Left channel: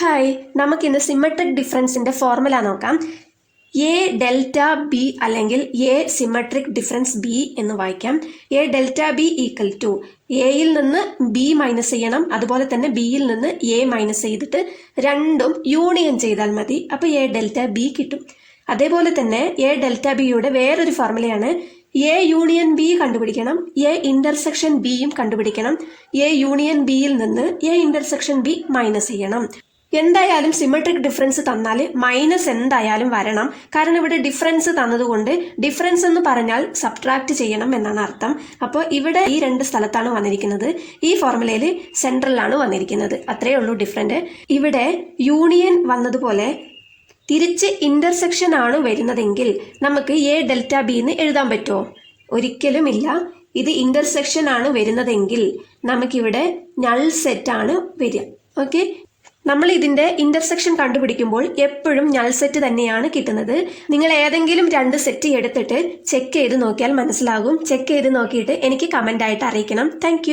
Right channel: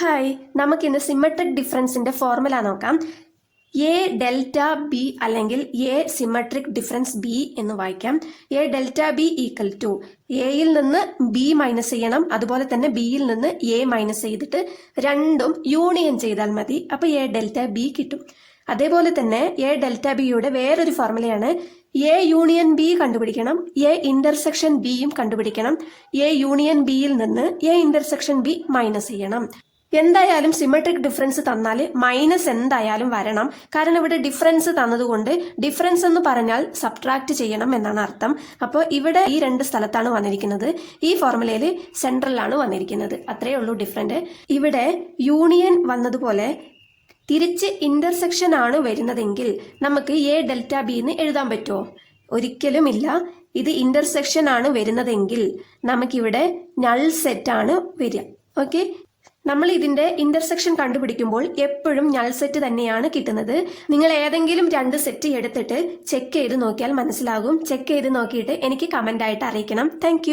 Hi, നമുക്കിന്ന് symmetric ഡിഫറൻസിൻ്റെ formula നോക്കാം. എ ഡെൽറ്റ ബി അല്ലെങ്കിൽ എ സിമെട്രിക് ഡിഫറൻസ് ബി എന്ന് വായിക്കാം. A delta B equal to എയിൽ നിന്ന് ബി മൈനസ് ചെയ്യണം, അതുപോലെ തന്നെ ബിയിൽ നിന്ന് എ മൈനസ് ചെയ്തിട്ട് രണ്ടും യൂണിയൻ ചെയ്താൽ മതി. അപ്പോൾ എ ഡെൽറ്റ ബി കിട്ടും. അതേപോലെ തന്നെ എ ഡെൽറ്റ ബിയുടെ വേറൊരു ഫോർമുലയാണ് എ യൂണിയൻ ബി കണ്ടുപിടിക്കണം, എ ഇന്റർസെക്ഷൻ ബിയും കണ്ടുപിടിക്കണം. എ യൂണിയൻ ബിയിൽ നിന്ന് എ ഇന്റർസെക്ഷൻ ബി മൈനസ് ചെയ്യണം. എന്തായാലും സിമെട്രിക് ഡിഫറൻസ് തന്നാൽ മൈനസ് എന്തായാലും വരണം. കാരണം ഇവിടെ ഡിഫറൻസ് തന്നതുകൊണ്ട് ഡിഫറൻസ് എന്ന് പറഞ്ഞാൽ സബ്ട്രാക്ട് ചെയ്യണം എന്നാണ് അർത്ഥം. അപ്പോൾ ഇവിടെ ഈ രണ്ട് സ്ഥലത്താണ് വന്നിരിക്കുന്നത്. ഈ ഫോർമുലയിൽ സെൻട്രലാണ് വന്നിരിക്കുന്നത്. അത്രയേ ഉള്ളൂ ഡിഫറൻറ്റ്. ഇവിടെ യൂണിയൻ വന്നതുപോലെ തിരിച്ച് ഇന്റർസെക്ഷൻ ആണ് വരുന്നതെങ്കിൽ നമുക്ക് എ ഡെൽറ്റ ബി എന്ന് എഴുതാൻ പറ്റുമോ? ഒരിക്കലും ഇല്ല. ഇത് ഇന്റർസെക്ഷൻ ആണ് വരുന്നതെങ്കിൽ നമുക്കിവിടെ നൾ സെറ്റ് ആണ് വരിക. ഓക്കെ, നമ്മൾ ഇതിന്റെ ഇന്റർസെക്ഷൻ കണ്ടുപിടിക്കുമ്പോൾ എപ്പോഴും നൾ സെറ്റ് തന്നെയാണ് കിട്ടുന്നത്. നിങ്ങൾ ഏതെങ്കിലും രണ്ട് സെറ്റ് എടുത്തിട്ട് ചെക്ക് ചെയ്ത് നോക്കിയാൽ മനസ്സിലാകും. ചെക്ക് ചെയ്ത് നോക്കിയിട്ട് എനിക്ക് കമന്റ് ആയിട്ട് അറിയിക്കണം. താങ്ക്